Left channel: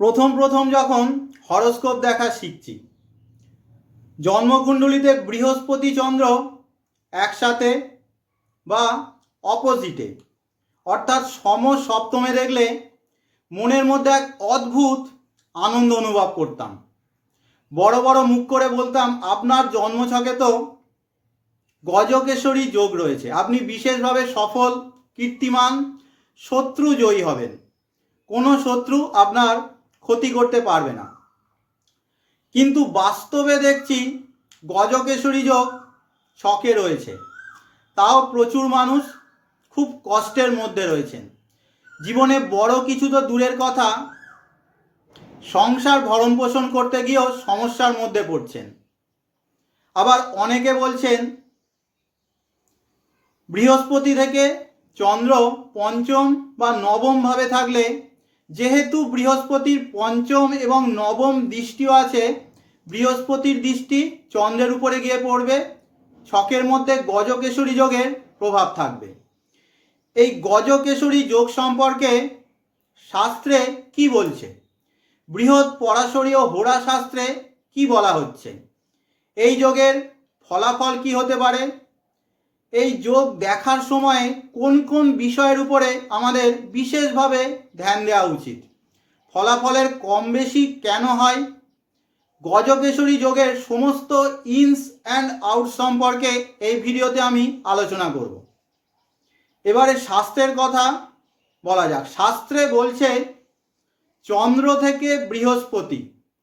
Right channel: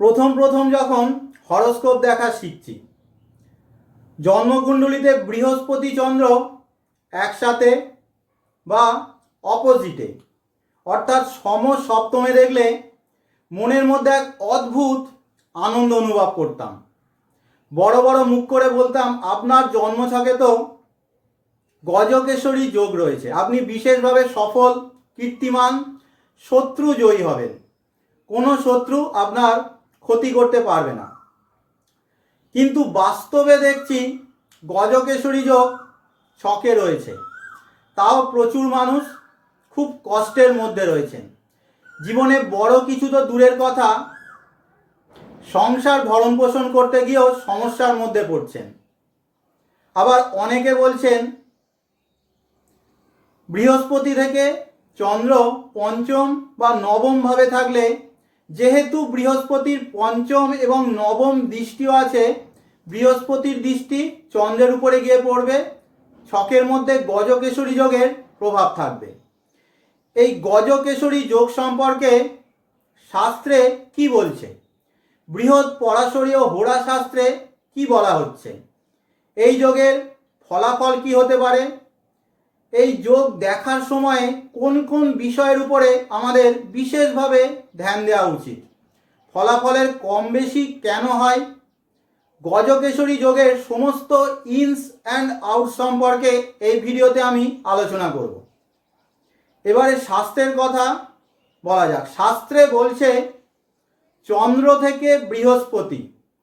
প্রথম প্রথম যখন হরস্কোপ দেখা শিখছি। জন্মকুণ্ডলিতে বৃহস্পতি চন্দ্র একসাথে বা অপোজিটে অর্থাৎ সম সপ্তমে দেখলে মনের মধ্যে এক অদ্ভুত আনন্দ অনুভব করতাম। বড় বড় মুখ করে বলতাম, আপনার জন্মছকে তো গজকেশরী যোগ রয়েছে। আপনি বিশেষভাবে সফল, কীর্তিমান শত্রু জয়ী হবেন। কোনো শত্রু আপনার ক্ষতি করতে পারবে না। কিন্তু বাস্তবে দেখছি গজকেশরী যোগ ছকে রয়েছে। তাও প্রচুর মানুষ খুব কষ্টের মধ্যে রয়েছেন। জীবনে বড় কিছু তো দূরের কথা। সংসার ভরণ পোষণ করতে গিয়েও সমস্যার মধ্যে পড়ছেন। আবার অনেকে বলছেন, বৃহস্পতি থেকে চন্দ্র পঞ্চম বা নবম ভাবে থাকলে যেহেতু বৃহস্পতির পঞ্চম এবং নবম দৃষ্টিও আছে, বৃহস্পতির দৃষ্টি চন্দ্রের উপরে গিয়ে পড়বে, ছকের মধ্যে গজকেশরী যোগের প্রভাব থাকবে। এই গজকেশরী যোগ সম্পর্কে শাস্ত্রে কি বলছে? বৃহৎ পরাশরীয় হোড়া শাস্ত্রে কি বলা হচ্ছে? এই যোগের ফলাফল কি হতে পারে? এই যোগ দেখার সময় কোন কোন বিষয়ের উপরে আমাদের বিশেষভাবে ধ্যান দেওয়া উচিত? ফলাফলের কম বেশি কেন হয়? গজকেশরী যোগের সমস্ত ইনস অ্যান্ড আউট সম্পর্কে এই ভিডিওতে আমি আলোচনা করব। এবারে শাস্ত্রের কথা বলা যাক। শাস্ত্রে বলছে, চন্দ্র থেকে বৃহস্পতি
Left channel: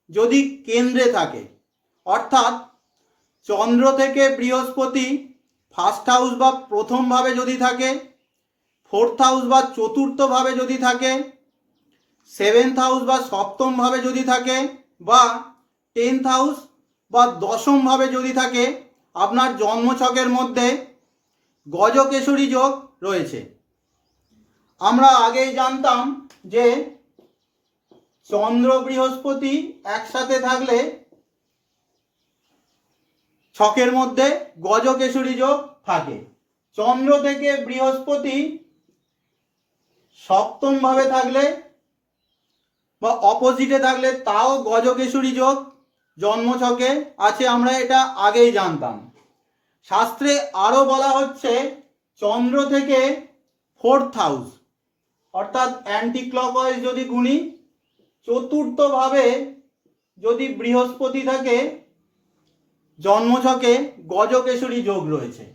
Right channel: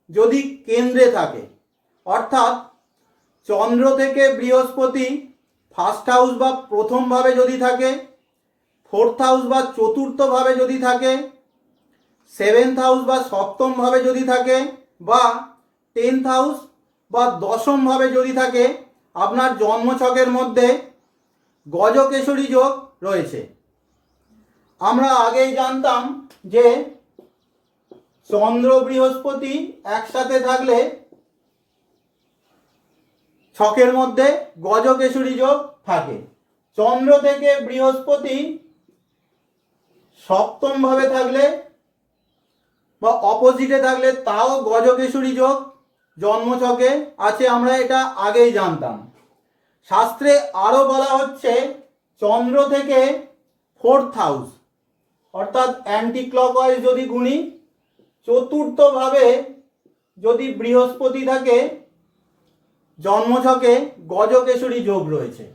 যদি কেন্দ্রে থাকে, অর্থাৎ চন্দ্র থেকে বৃহস্পতি ফার্স্ট হাউস বা প্রথমভাবে যদি থাকে ফোর্থ হাউস বা চতুর্থভাবে যদি থাকে সেভেন্থ হাউস বা সপ্তমভাবে যদি থাকে, বা টেন্থ হাউস বা দশমভাবে যদি থাকে, আপনার জন্মছকের মধ্যে গজকেশরী যোগ রয়েছে। আমরা আগেই জানতাম যে চন্দ্র বৃহস্পতি একসাথে থাকলে ছকের মধ্যে গজকেশরী যোগ থাকে। চন্দ্র থেকে বৃহস্পতি সপ্তম ভাবে থাকলে বা অপোজিটে থাকলে তাও গজকেশরী যোগ। জন্মছকে আছে, আমরা এটা আগেই জানতাম। শাস্ত্রে আরও বলা হচ্ছে, চন্দ্র থেকে ফোর্থ হাউস অর্থাৎ অ্যান্টি ক্লকওয়াইজ যদি গুণি চতুর্থভাবে যদি বৃহস্পতি থাকে জন্মছকে গজকেশরী যোগ রয়েছে।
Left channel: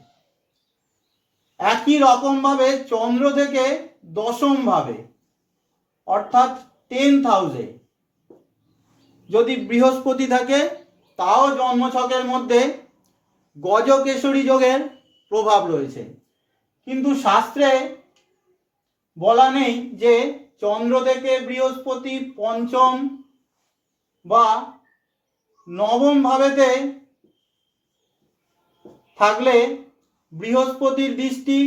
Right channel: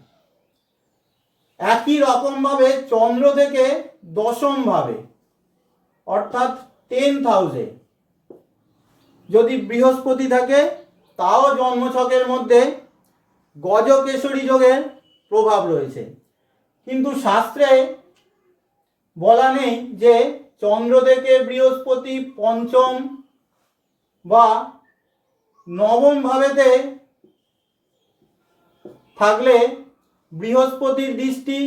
একই রকমভাবে চন্দ্র থেকে দশমভাবে, অর্থাৎ টেন্থ হাউসে যদি বৃহস্পতি থাকে, তাও জন্মছকের মধ্যে গজকেশরী যোগের প্রভাব রয়েছে। কিন্তু শাস্ত্রে বলা নেই যে চন্দ্র থেকে বৃহস্পতি পঞ্চম বা নবম ভাবেতে থাকলে বৃহস্পতির দৃষ্টি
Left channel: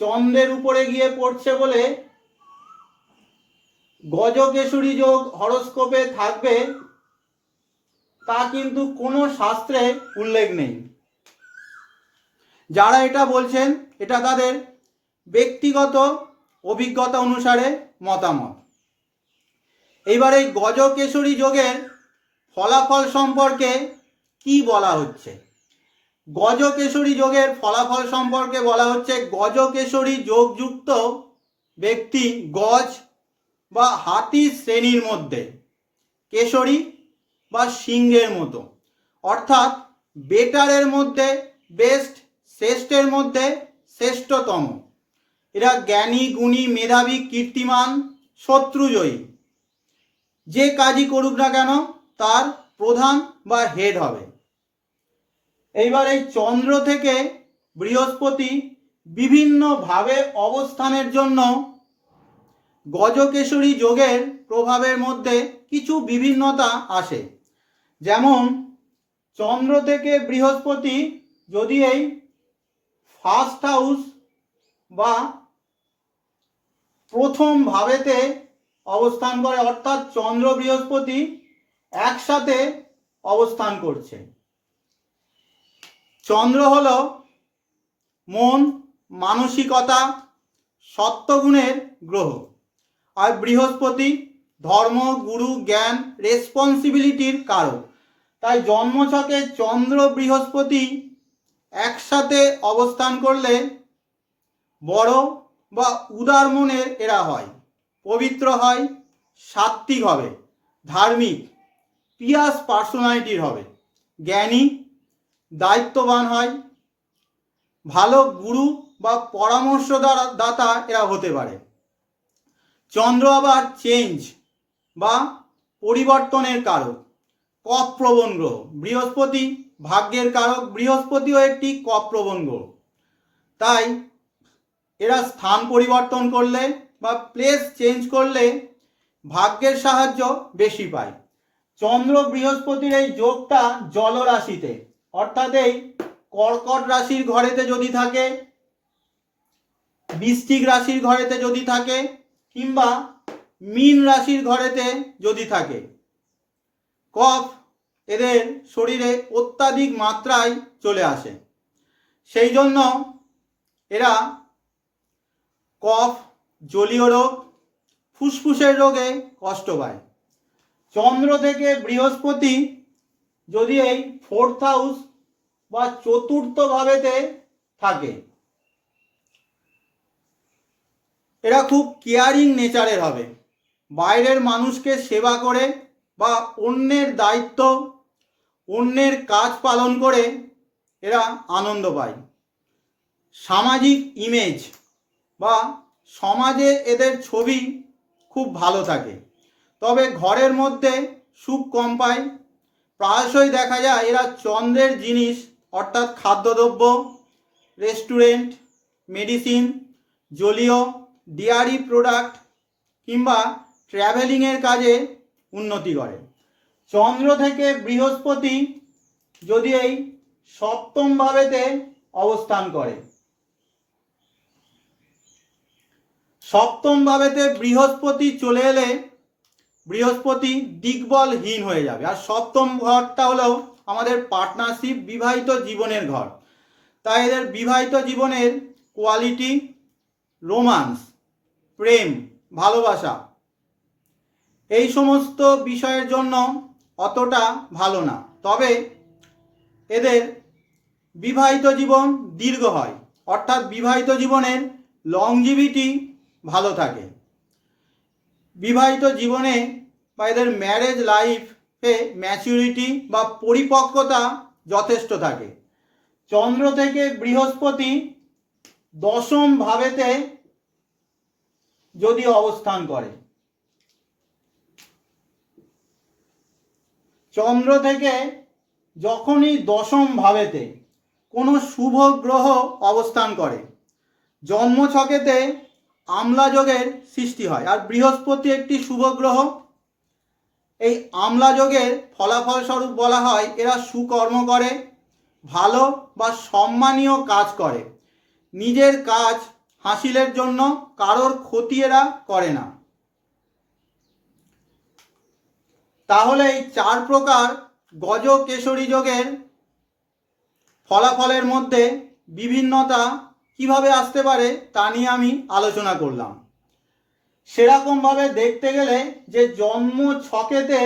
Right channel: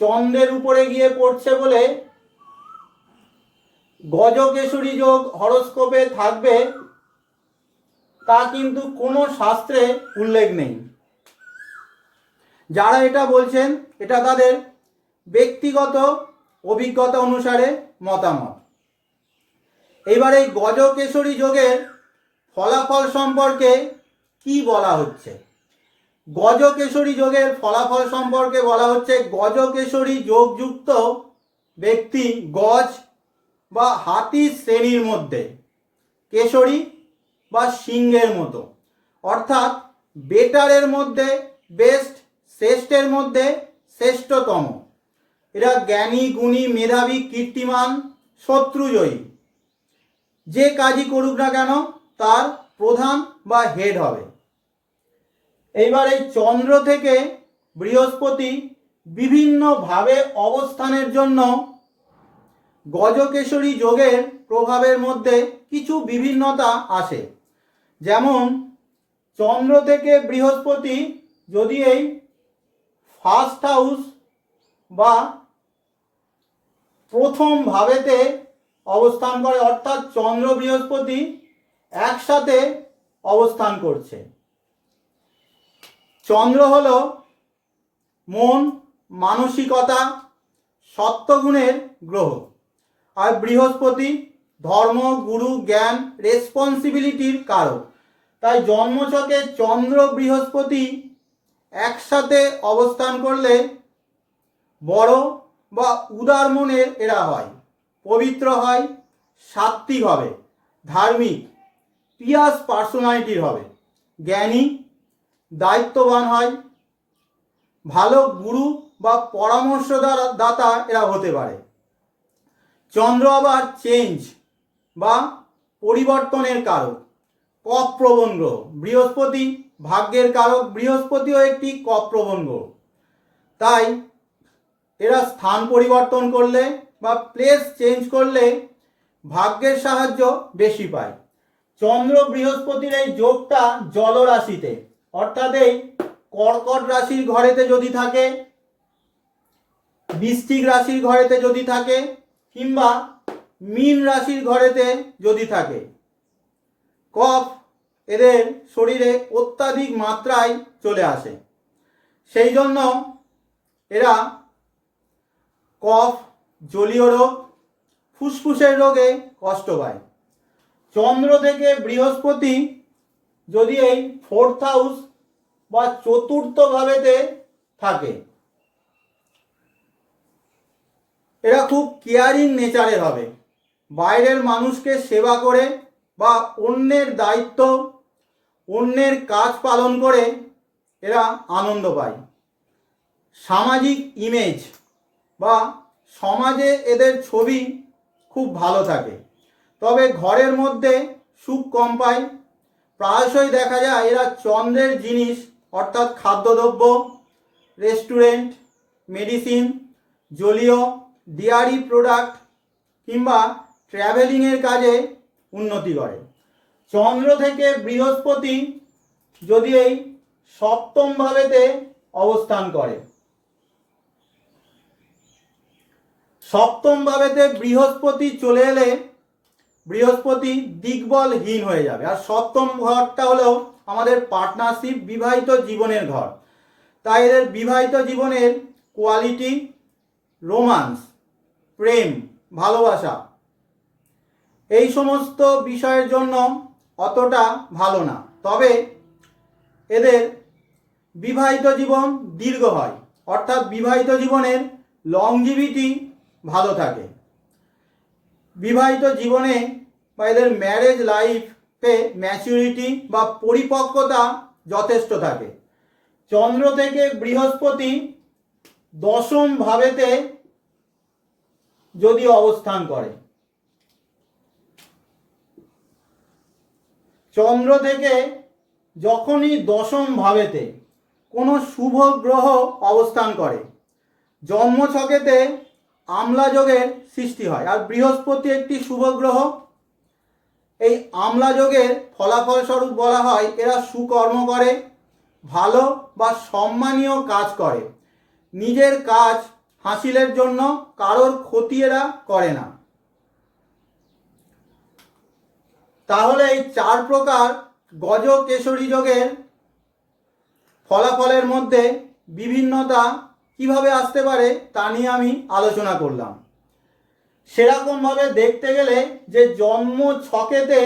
চন্দ্রের উপরে গিয়ে পড়ছে বলে গজকেশরী যোগ হরস্কোপে থাকবে, তা কিন্তু কোনো শাস্ত্রে উল্লেখ নেই। যারা এটা বলছেন, এটা তাদের ব্যক্তিগত অভিজ্ঞতা অনুসারে মতামত। এইবার এই গজকেশরী যোগের ফলাফল সম্পর্কে কি বলা হচ্ছে? গজকেশরী যোগের ফলাফল সম্পর্কে বলা হচ্ছে গজকেশরী যোগযুক্ত ব্যক্তি গজ বা হাতি শ্রেণির মধ্যে, কেশরী বা সিংহের মতো। অর্থাৎ বেটারের মধ্যে বেস্ট, শ্রেষ্ঠের মধ্যে শ্রেষ্ঠতম। এরা জ্ঞানী, গুণী, মেধাবী, কীর্তিমান, শত্রুজয়ী। যে কাজই করুক না কেন, তার প্রধান বা হেড হবে। এইবার এই চন্দ্র থেকে বৃহস্পতি বিভিন্নভাবে অবস্থানের জন্য গজকেশরী যোগের প্রভাবের মধ্যে কিছু বিভিন্নতা আসে। যেমন, চন্দ্র থেকে বৃহস্পতি যদি এই ফার্স্ট হাউস বা প্রথম ভাবেতে অবস্থান করে, অর্থাৎ চন্দ্র বৃহস্পতি একসাথে অবস্থান করছে। চন্দ্র হল মন, মানসিকতা সত্ত্বগুণের গ্রহ। আর বৃহস্পতি ধর্ম, গুরু, জ্ঞান রেসপন্সিবিলিটির কারক। তাই জন্মছকে চন্দ্র, বৃহস্পতি একসাথে অবস্থান করলে বড় বা উদার মনের এরা হয়, পবিত্র হয়, সাত্ত্বিক হবে, ধার্মিক পিয়াস পার্সোনালিটির হবে, জ্ঞানী দায়িত্ববান হয়। ভালো গুরু বা পরামর্শ দাতা এরা হতে পারে। চন্দ্র আবার চেঞ্জ বা পরিবর্তনের কারক, কপ প্রবণ গ্রহ, বৃহস্পতি ভাগ্যের কারক, বৃহস্পতিও একটি কপ প্রবণ গ্রহ। তাই এরা স্থান পরিবর্তন করলে বা প্লেস চেঞ্জ করলে ভাগ্যের সাহায্য বেশি পায়। চন্দ্র বৃহস্পতির এই যোগটা জলরাশিতে। অর্থাৎ এই কর্কট রাশির ঘরেতে যদি থাকে, বৃশ্চিক রাশির ঘরেতে যদি থাকে, কিংবা মীন রাশির ঘরেতে যদি থাকে, কফ এদের শরীরে অত্যাধিক মাত্রায় চলে আসে। সেই জন্য এরা কফ, জলীয় রোগ, ফুসফুসের রোগে কষ্ট পায়। চন্দ্র থেকে বৃহস্পতি যদি এই ফোর্থ হাউস বা চতুর্থ ভাবেতে থাকে। এরা খুব কেয়ারিং নেচারের হবে। বাইরের মানুষকে সেবা করে বা অন্যের দায়িত্ব, অন্যের কাজ পালন করে এরা আনন্দ পায়। সামাজিক ইমেজ বা সমাজে এদের ছবি খুব ভালো থাকে। তবে ঘরের মধ্যে সুখ কম পায় প্রায়শই দেখা যায় এরা চন্দ্রের জিনিস, অর্থাৎ খাদ্যদ্রব্য, রেস্টুরেন্ট, মেডিসিন, জলীয়, ডিয়ারি প্রোডাক্ট কিংবা ট্র্যাভেলিংয়ের কাজে উন্নতি করে। চন্দ্র থেকে বৃহস্পতি যদি এই সপ্তম ভাবেতে অবস্থান করে। সপ্তম ভাবেতে বৃহস্পতি চলে এলে বৃহস্পতি দিগ্বলহীন হয়ে যাবে। আর সপ্তম ঘরটা হলো আমাদের পার্টনারশিপ বিবাহিত জীবনের ঘর। তাই এদের বিবাহিত জীবনের কোয়ালিটি রোমান্স প্রেম, ভালোবাসা এই সমস্ত বিষয়ের জন্য অতটা ভালো না। তবে এদের বিবাহিত জীবন দীর্ঘ হয়। অর্থাৎ বিবাহিত জীবনের লংজিভিটি ভালো থাকে। বিবাহিত জীবনে বা এদের ম্যারেজ লাইফে ম্যাচুরিটি বা পরিপক্কতা যথেষ্ট থাকে। চন্দ্র থেকে বৃহস্পতি দশম ভাবেতে যদি অবস্থান করে। চন্দ্র থেকে যখনই দশম ভাবেতে কোনো শুভ গ্রহ অবস্থান করে, জন্মছকেতে আমলা যোগের সৃষ্টি হয়। আর বৃহস্পতি একটি শুভ গ্রহ। এই আমলা যোগের ফলাফল স্বরূপ বলা হয়, এরা সুকর্ম করে, ভালো বা সম্মানীয় কাজ করে। নিজের কাজ হাসিলের জন্য, কারোর ক্ষতি এরা করে না। তাহলে এই চার প্রকার গজ কেশরী যোগের ফলাফলের মধ্যে বিভিন্নতা কীভাবে আসতে পারে তা নিয়ে আমি আলোচনা করলাম। সেরকমভাবে দেখতে গেলে যে জন্ম ছকেতে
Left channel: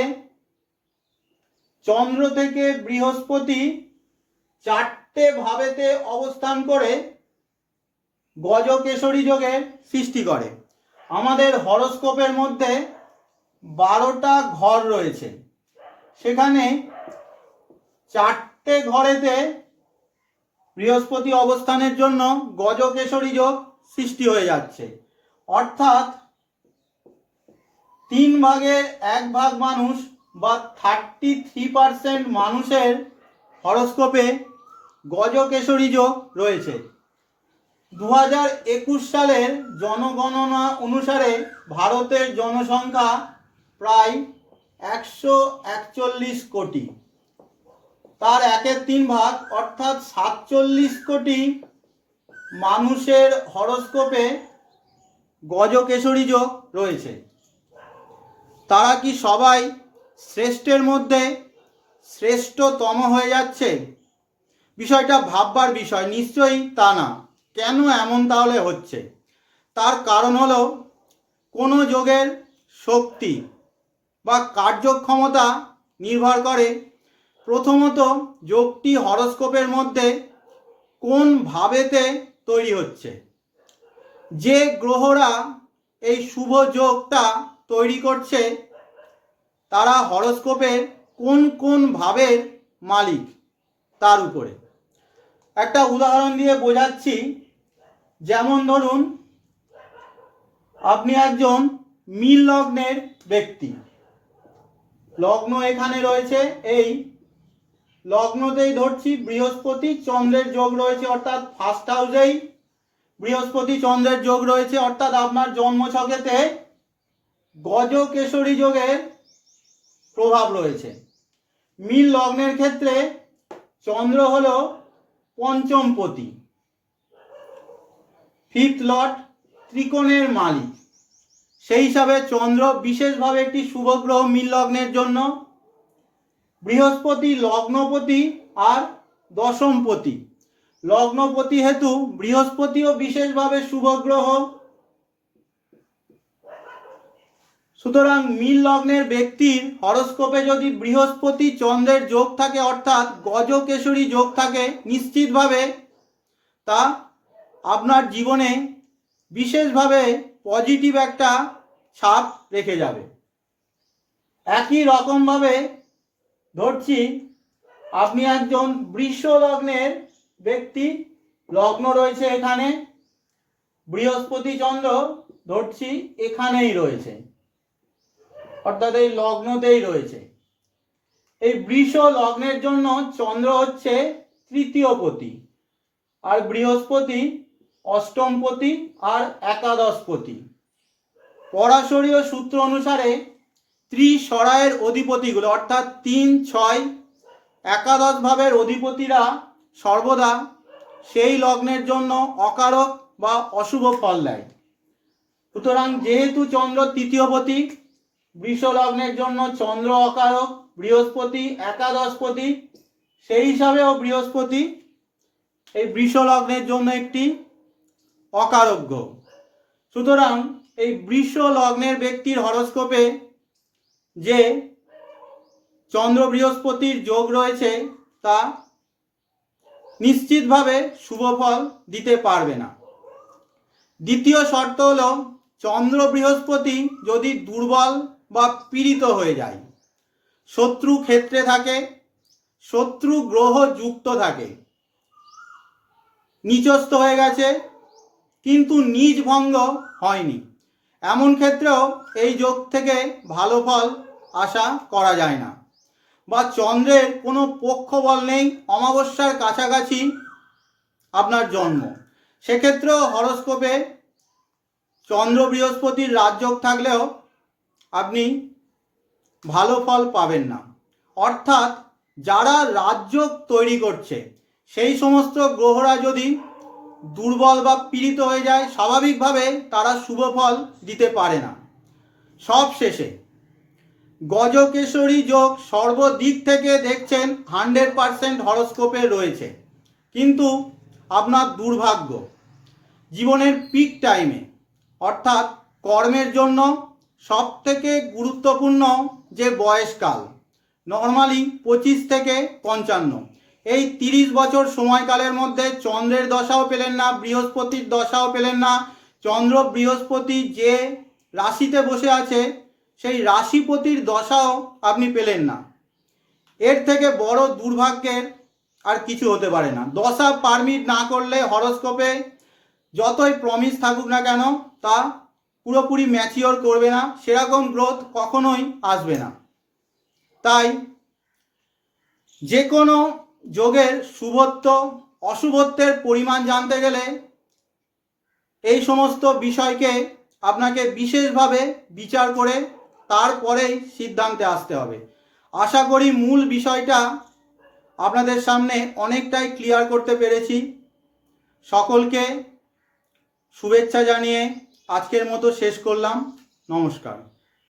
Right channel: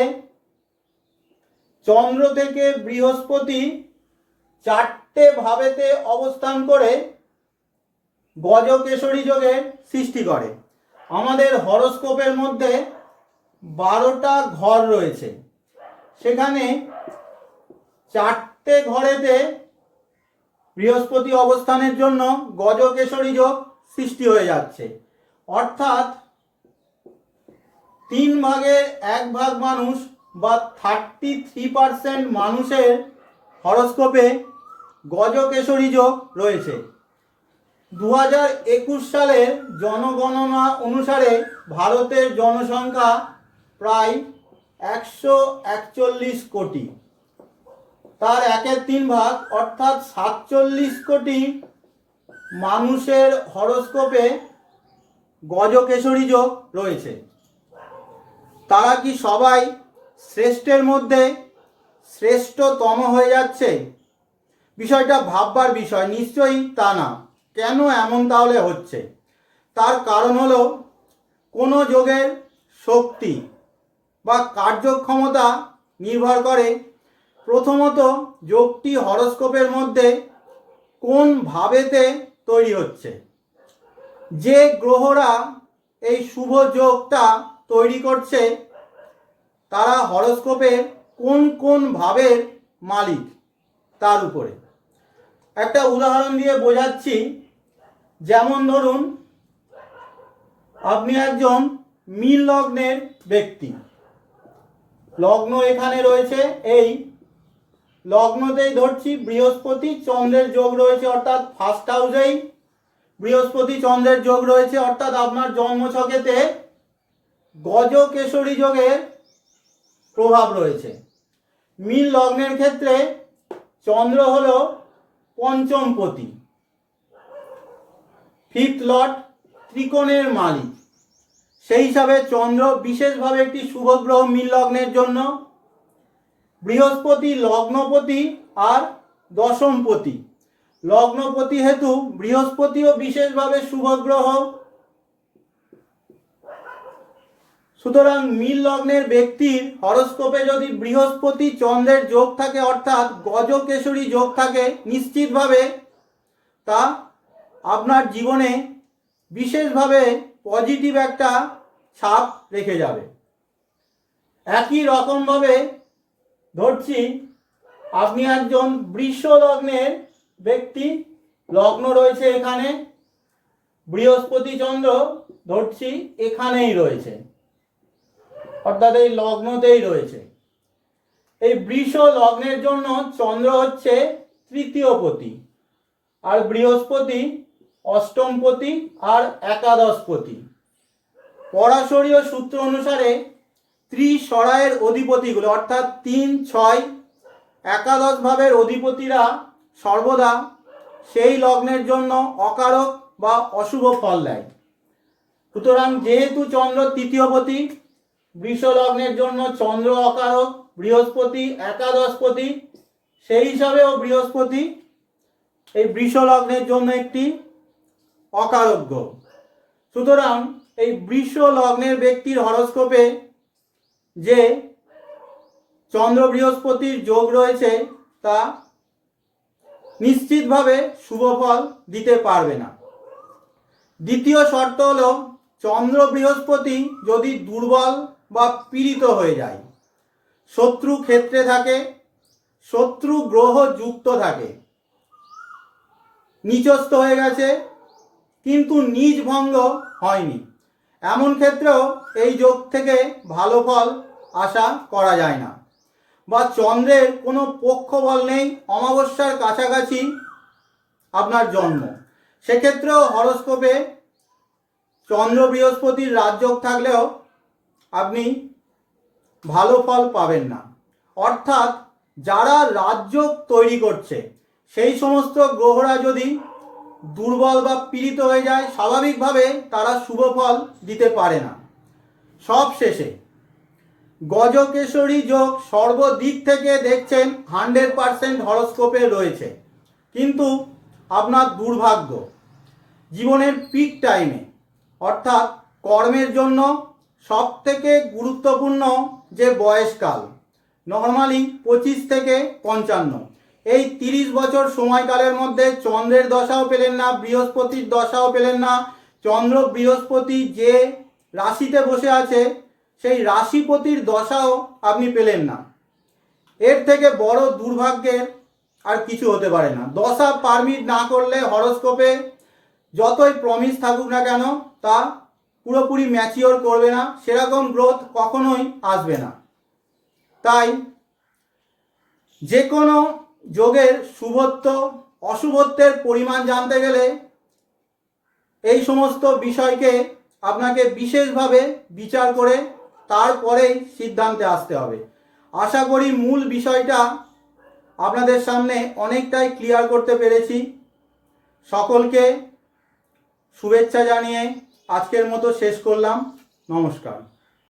চন্দ্র থেকে বৃহস্পতি চারটে ভাবেতে অবস্থান করে গজকেশরী যোগের সৃষ্টি করে। আমাদের হরস্কোপের মধ্যে বারোটা ঘর রয়েছে। সেখানে চারটে ঘরেতে বৃহস্পতি অবস্থানের জন্য গজকেশরী যোগ সৃষ্টি হয়ে যাচ্ছে। অর্থাৎ তিন ভাগের এক ভাগ মানুষ বা থার্টি থ্রি পারসেন্ট মানুষের হরস্কোপে গজকেশরী যোগ রয়েছে। দু হাজার একুশ সালের জনগণনা অনুসারে ভারতের জনসংখ্যা প্রায় একশো একচল্লিশ কোটি। তার একের তিন ভাগ, অর্থাৎ সাতচল্লিশ কোটি মানুষের হরস্কোপে গজকেশরী যোগ রয়েছে। তারা কি সবাই শ্রেষ্ঠের মধ্যে শ্রেষ্ঠতম হয়ে যাচ্ছে? বিষয়টা ভাববার বিষয়, নিশ্চয়ই তা না। কেন এমন তাহলে হচ্ছে? তার কারণ হলো কোনো যোগের শক্তি বা কার্যক্ষমতা নির্ভর করে প্রথমত যোগটি হরস্কোপের মধ্যে কোন ভাবেতে তৈরি হচ্ছে? যে গ্রহরা এই শুভ যোগটা তৈরি করছে, তারা হরস্কোপের কোন কোন ভাবের মালিক তার উপরে? একটা উদাহরণ দিয়ে বোঝাচ্ছি। যেমন ধরুন, আপনি একজন মিল লগ্নের ব্যক্তি। লগ্ন এখানে রয়েছে এই লগ্নতেই ধরছি, বৃহস্পতি চন্দ্রের যোগ রয়েছে অর্থাৎ ফার্স্ট হাউসেই বৃহস্পতি চন্দ্রের যোগ রয়েছে অর্থাৎ আপনার জন্মছকেতে গজকেশরী যোগের প্রভাব রয়েছে। মিল লগ্নের ক্ষেত্রে চন্দ্র হলো পঞ্চমপতি। ফিফথ লট ত্রিকোণের মালিক। সেই হিসাবে চন্দ্র বিশেষভাবে একটি শুভ গ্রহ মিল লগ্নের জন্য। বৃহস্পতি, লগ্নপতি আর দশমপতি। লগ্নপতি হেতু বৃহস্পতিও বিশেষভাবে শুভ গ্রহ সুতরাং মিল লগ্নের ব্যক্তির হরস্কোপে যদি বৃহস্পতি চন্দ্রের যোগ থাকে, অর্থাৎ গজকেশরী যোগ থাকে নিশ্চিতভাবে, তা আপনার জীবনে বিশেষভাবে পজিটিভ একটা ছাপ রেখে যাবে। একই রকমভাবে ধরছি, আপনি একজন বৃষ লগ্নের ব্যক্তি, লগ্ন রয়েছে এখানে, বৃহস্পতি চন্দ্র ধরছি এখানেই রয়েছে, অর্থাৎ এই লগ্নতেই রয়েছে। এই বৃষ লগ্নের জন্য চন্দ্র হচ্ছে তৃতীয় পতি, আর বৃহস্পতি অষ্টমপতি আর একাদশপতি পরাশরীয় সূত্র অনুসারে ত্রিসরায়ের অধিপতিগুলো, অর্থাৎ তিন, ছয়, একাদশ ভাবের অধিপতিরা সর্বদা সেই লগ্নের জন্য অকারক বা অশুভ ফল দেয়। সুতরাং যেহেতু চন্দ্র তৃতীয়পতি, বৃষ লগ্নের জন্য চন্দ্র অকারক, বৃহস্পতি একাদশপতি, সেই হিসাবেও বৃহস্পতি এই বৃষ লগ্নের জন্য একটি অকারক সুতরাং এই বৃষ লগ্নের ব্যক্তির হরস্কোপে যে চন্দ্র বৃহস্পতির যোগ রয়েছে তা নিশ্চিতভাবে শুভ ফল দিতে পারবে না। দ্বিতীয় শর্ত হলো চন্দ্র বৃহস্পতি যদি দুর্বল বা পীড়িত হয়ে যায়, শত্রু ক্ষেত্রে থাকে, শত্রু গ্রহ যুক্ত থাকে, নিচস্থ হয়ে গেছে, কিন্তু নিজ ভঙ্গ হয়নি। এমন ক্ষেত্রেও এই যোগ থেকে ভালো ফল আশা করা যায় না। বা চন্দ্রের কোনো পক্ষ বল নেই, অমাবস্যার কাছাকাছি আপনার জন্ম। সেক্ষেত্রেও হরস্কোপে চন্দ্র বৃহস্পতির রাজযোগ থাকলেও আপনি ভালো ফল পাবেন না। অর্থাৎ যারা রাজযোগ তৈরি করছে, সেই সমস্ত গ্রহরা যদি দুর্বল বা পীড়িত হয়ে যায়, স্বাভাবিকভাবে তারা শুভ ফল দিতে পারে না। সব শেষে গজকেশরী যোগ সর্বদিক থেকে দেখছেন হান্ড্রেড পারসেন্ট হরস্কোপে রয়েছে। কিন্তু আপনার দুর্ভাগ্য, জীবনের পিক টাইমে অর্থাৎ কর্মের জন্য সব থেকে গুরুত্বপূর্ণ যে বয়সকাল নর্মালি পঁচিশ থেকে পঞ্চান্ন। এই তিরিশ বছর সময়কালের মধ্যে চন্দ্রের দশাও পেলেন না, বৃহস্পতির দশাও পেলেন না। চন্দ্র বৃহস্পতি যে রাশিতে বসে আছে সেই রাশিপতির দশাও আপনি পেলেন না। এর থেকে বড় দুর্ভাগ্যের আর কিছু হতে পারে না। দশা পারমিট না করলে হরস্কোপে যতই প্রমিস থাকুক না কেন তা পুরোপুরি ম্যাচিওর করবে না, সেরকম গ্রোথ কখনোই আসবে না। তাই যে কোনো যোগের শুভত্ব, অশুভত্বের পরিমাণ জানতে গেলে এই সমস্ত বিষয়কে আপনাকে বিশেষভাবে বিচার করে তারপরেই সিদ্ধান্তে আসতে হবে। আশা করি মূল বিষয়টা আপনাদের সামনে অনেকটাই ক্লিয়ার করতে পেরেছি। সকলকে শুভেচ্ছা জানিয়ে আজকের মতো শেষ করলাম। নমস্কার।